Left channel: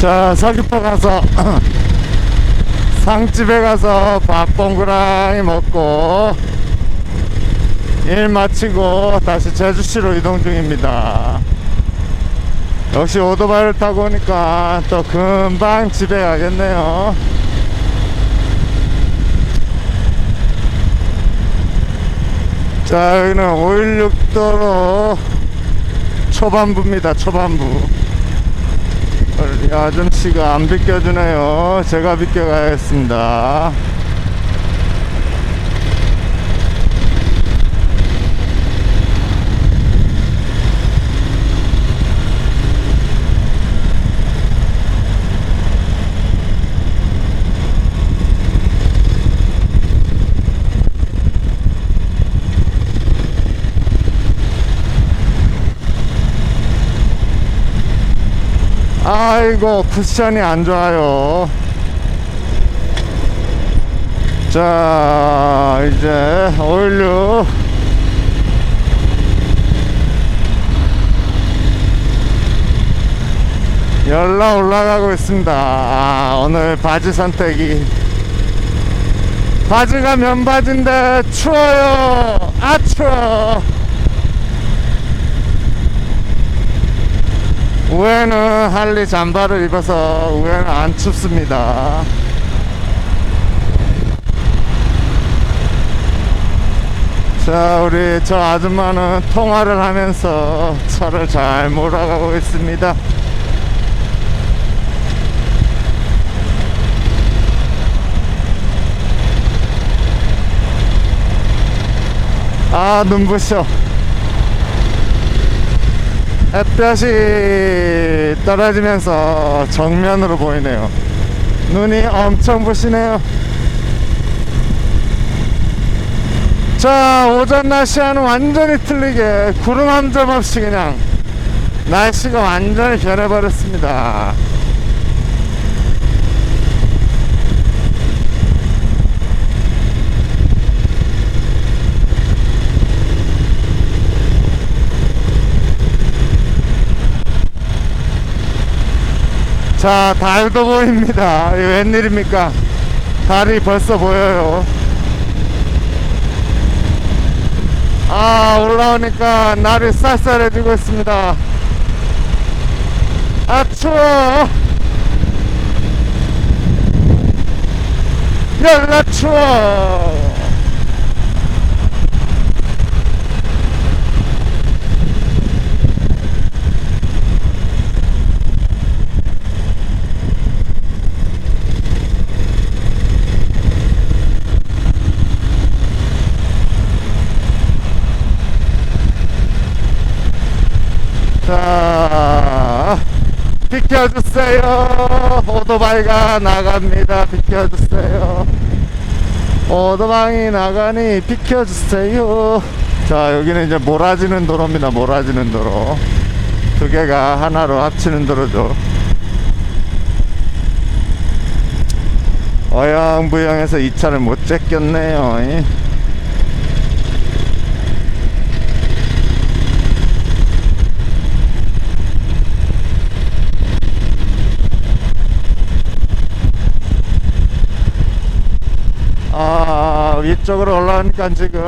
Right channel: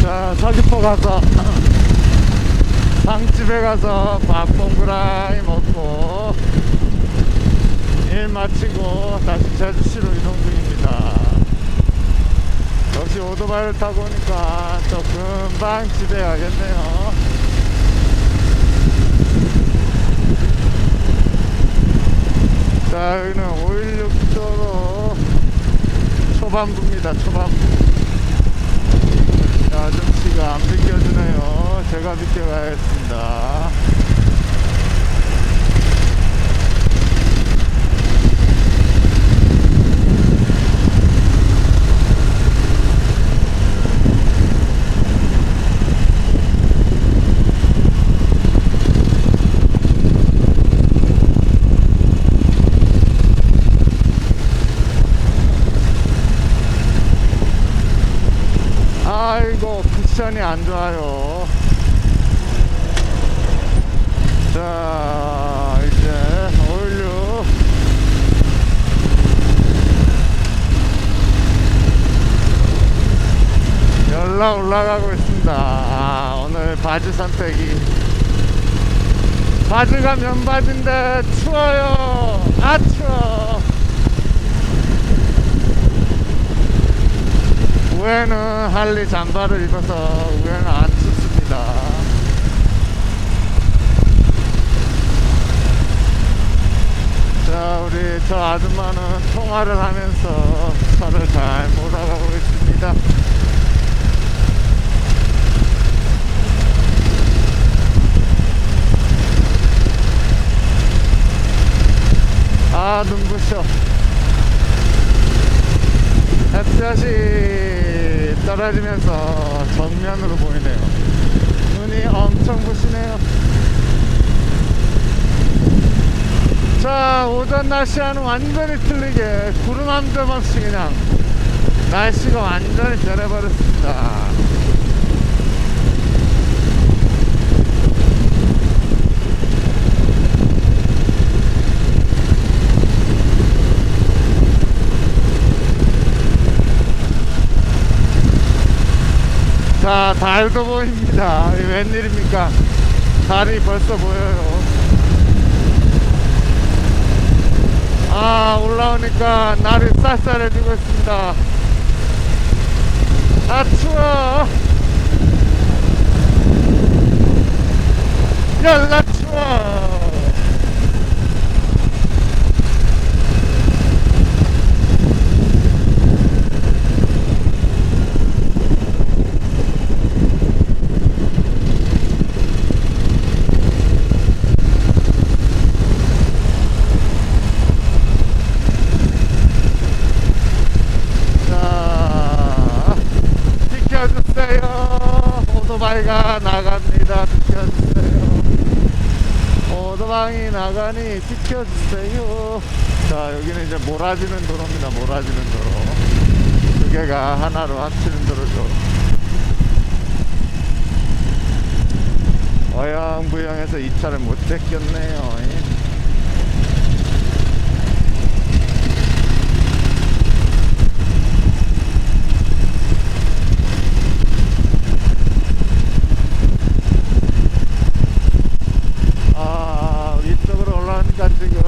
자, 서귀포 가서 상집에 가서 밥 동그라미 먹고 일 마치고 다시 제주시로 이동 중입니다. 역시 오토바이를 타고 오니까 또 금방 집에 가겠네요. 자, 여기는 516도로 초반부입니다. 초반부. 아줌씨가 안 비켜주네요. 제가 비켜가야겠습니다. 아이고 쿠션이 안 좋아요. 자 이제 오일류 열라 올라가고 있습니다. 아, 오늘 바지 선택이. 바지가 면바지인데 추워요. 아 추워 우에는 할리 잠바를 입어서 우에는 안 춥습니다. 자, 우리 저 아줌마는 통화를 하면서 차를 잘 몰아가고 있습니다. 아, 눈부셔. 햇볕이 떨어지면서 정면으로 보이네요. 눈이 엄청 부시네요. 자, 오전 날씨와는 완전히 틀리게 구름 한 점 없이 그냥 날씨가 완전히 변해버렸습니다. 자, 달도 보입니다. 이 웬일입니까? 달이 벌써 보여요. 아, 올라오니까 날이 쌀쌀해지고 있습니다. 아, 추워. 열나 추워. 자, 비켜주세요. 오토바이가 나갑니다. 비켜주세요. 오토바이 나가니 비켜주세요. 자, 여기는 이제 몰아지는 도로입니다. 몰아지는 도로. 두 개가 하나로 합치는 도로죠. 어영부영해서 이 차를 못 제꼈네요. 이. 아 위쪽으로 올라오니까 지금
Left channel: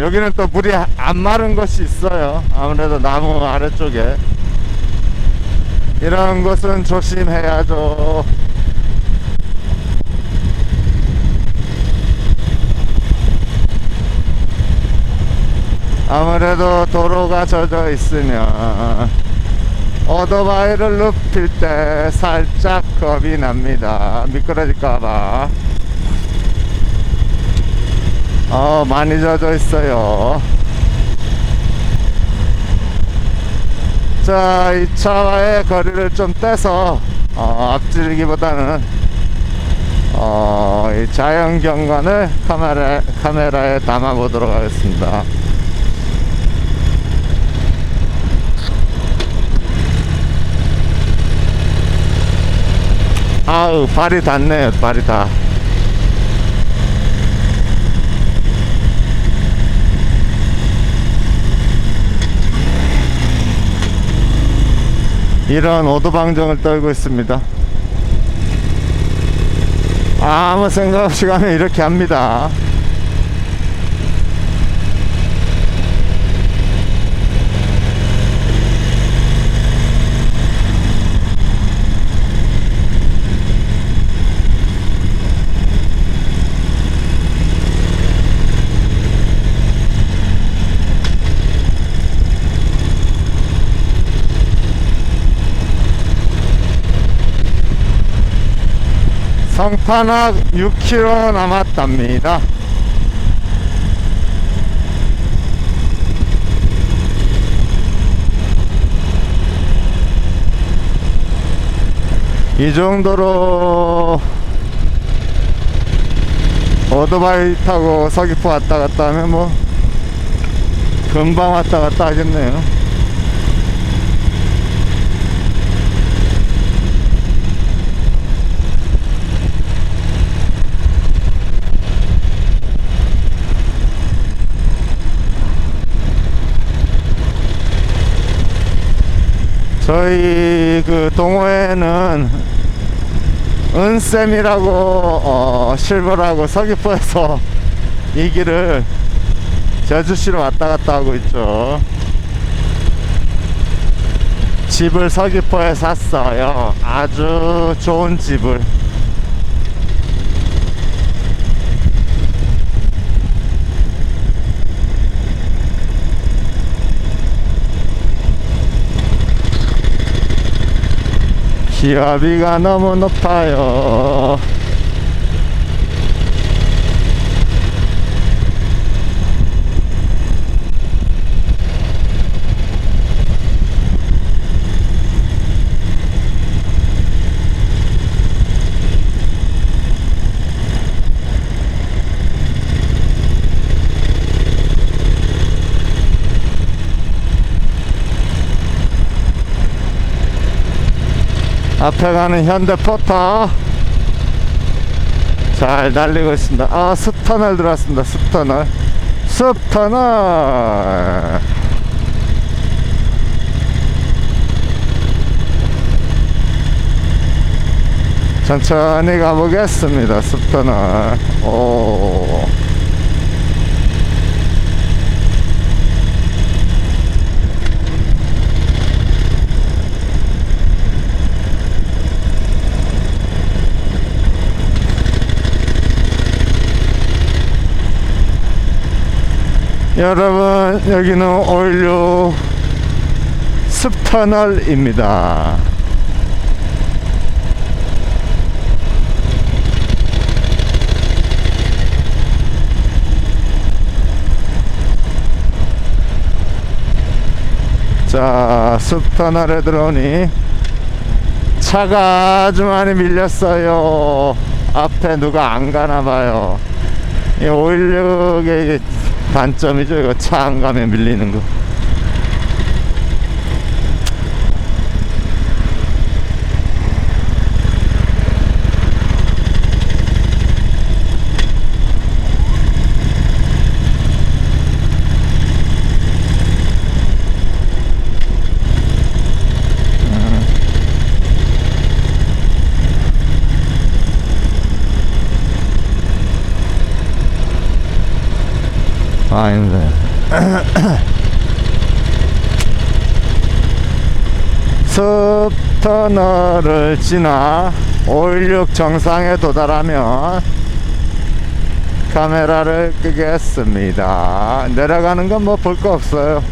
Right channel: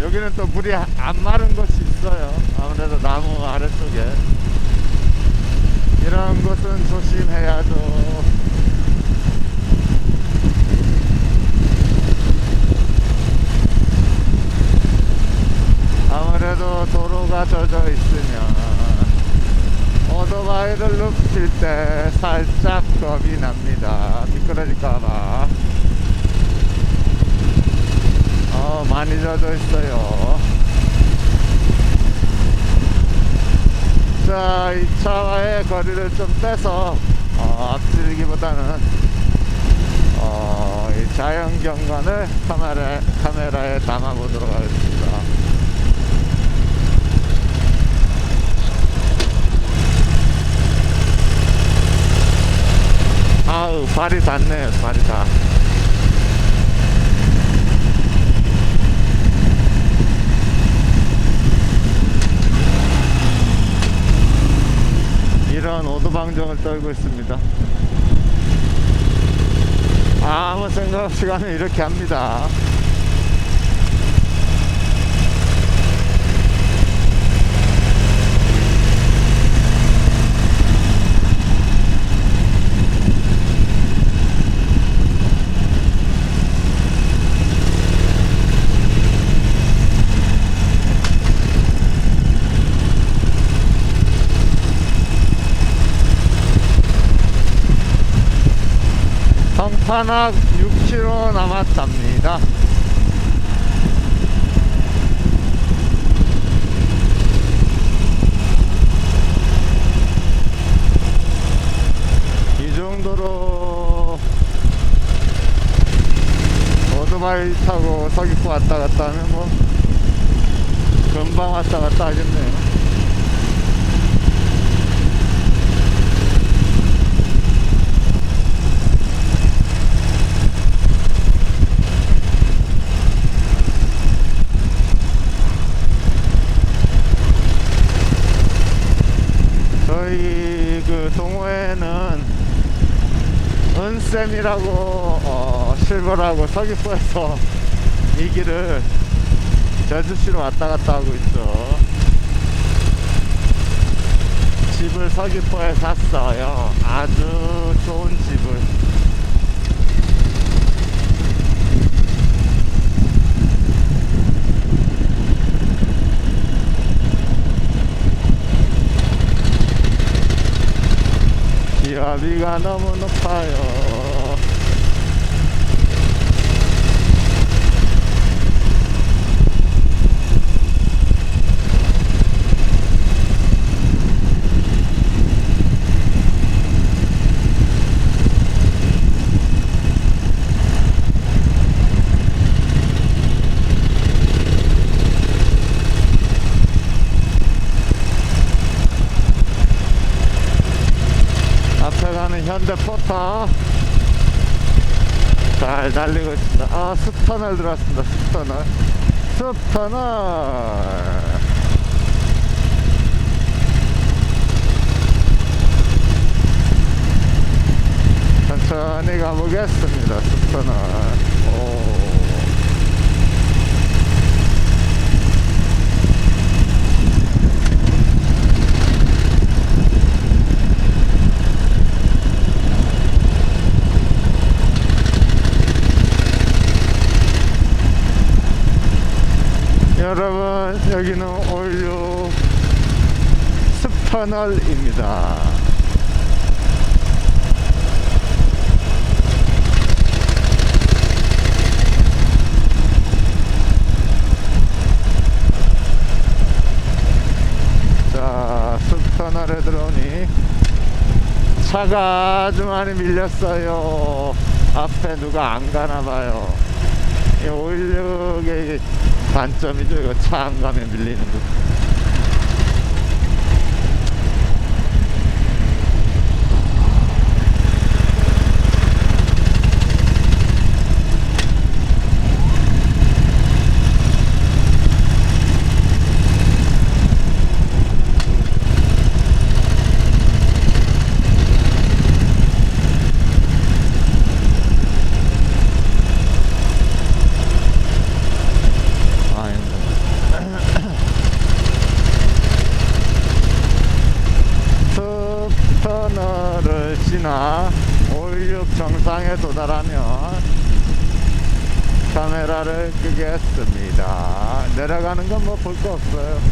여기는 또 물이 안 마른 곳이 있어요. 아무래도 나무 아래쪽에. 이런 것은 조심해야죠. 아무래도 도로가 젖어 있으면 오토바이를 눕힐 때 살짝 겁이 납니다. 미끄러질까봐 어, 많이 젖어 있어요. 자, 이 차와의 거리를 좀 떼서, 어, 앞지르기보다는, 어, 이 자연 경관을 카메라, 카메라에 담아 보도록 하겠습니다. 아우, 발이 닿네요, 발이 다. 이런 오도방정을 떨고 있습니다. 아무 생각 없이 가면 이렇게 합니다. 성판악 6km 남았답니다. 이 정도로 오토바이 타고 서귀포 왔다 갔다 하면 뭐 금방 왔다 갔다 하겠네요. 저희 그 동호회는 은쌤이라고 어, 실버라고 서귀포에서 이 길을 제주시로 왔다 갔다 하고 있죠. 집을 서귀포에 샀어요. 아주 좋은 집을. 기압이가 너무 높아요. 앞에 가는 현대 포터 잘 달리고 있습니다. 아, 숲터널 들어왔습니다. 숲터널. 숲터널. 천천히 가보겠습니다. 숲터널. 오. 여러분 여기는 올류 숲터널입니다. 자 숲터널에 들어오니 차가 아주 많이 밀렸어요. 앞에 누가 안 가나봐요. 이 516의 이게 단점이죠. 이거 차 안 가면 밀리는 거 아 힘들어요 숲터널을 지나 516 정상에 도달하면 카메라를 끄겠습니다. 내려가는 건 뭐 볼 거 없어요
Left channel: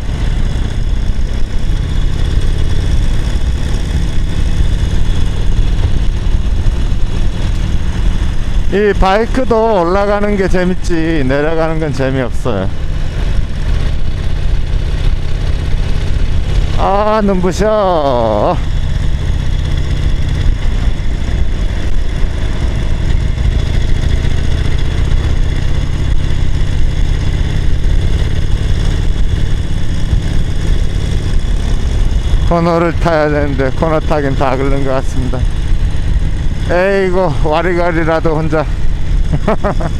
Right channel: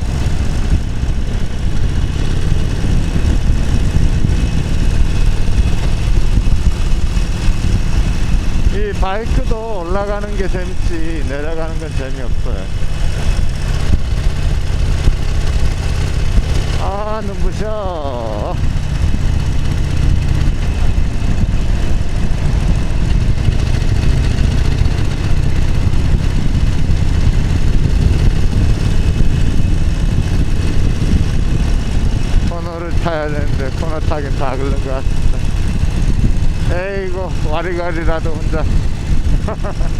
이 바이크도 올라가는 게 재밌지 내려가는 건 재미없어요. 아 눈부셔. 코너를 타야 되는데 코너 타긴 다 그런 것 같습니다 에이고 와리가리라도 혼자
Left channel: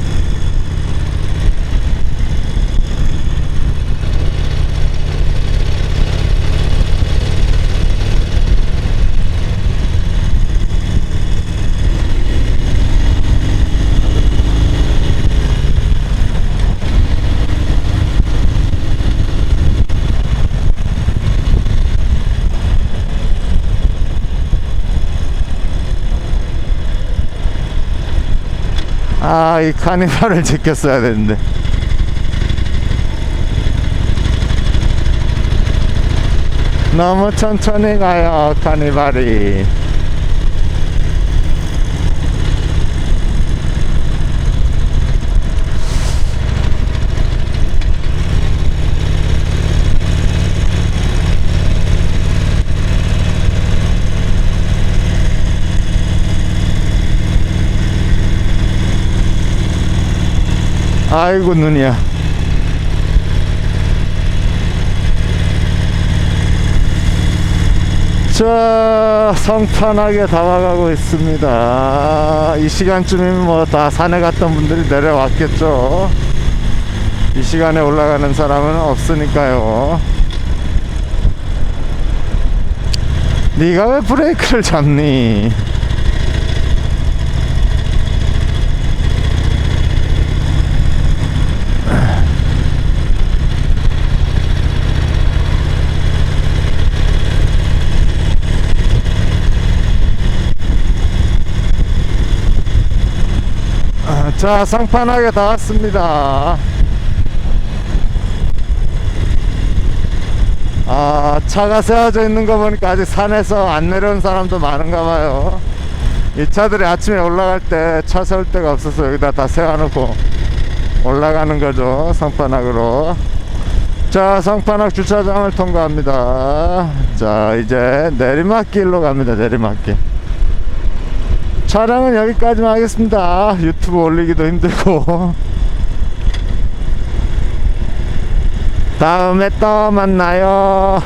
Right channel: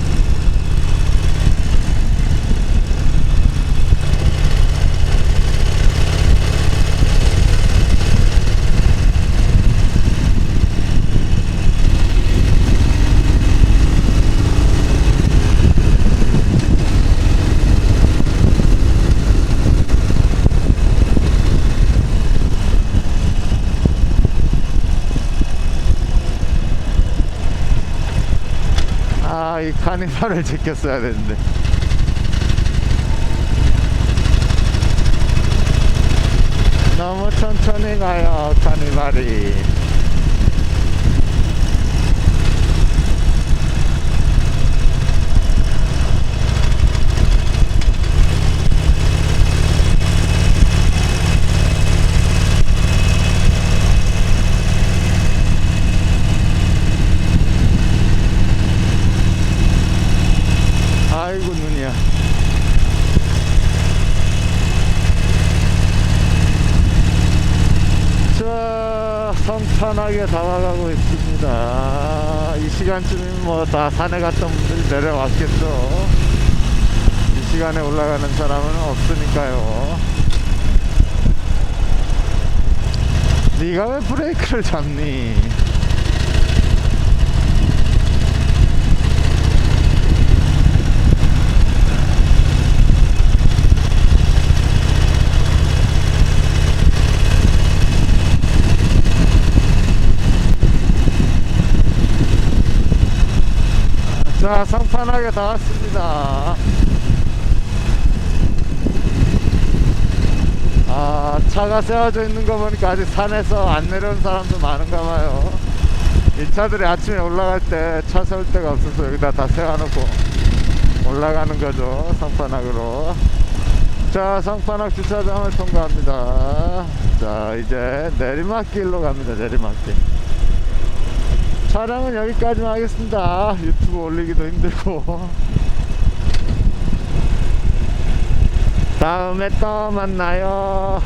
아, 이 카니발을 지켰어야 되는데. 너무 천천히 가요, 카니발이. 아이고, 눈이야. 자, 성탄하게 다가가고 있습니다. 이 시간쯤이면 뭐 다 산에 갔던 분들이 내려왔겠죠. 이 시간에 올라가는 사람은 없으니까요. 네가 왜 브레이크를 잡니? 자, 상판하게 다 왔습니다. 아, 차가 세워져 있는 거 보니까 아직 산에서 안 내려온 사람도 많은가 봐요. 이 차들이 아침에 올라갈 때 차 세울 데가 없어서 여기다 다 세워놓고 올라가는 거죠. 성판악으로. 자, 성판악 주차장을 통과합니다. 자, 이제 내리막길로 갑니다. 내리막길. 촬영은 여기까지만 하겠습니다. 유튜브 올리기도 힘들고. 다음에 또 만나요.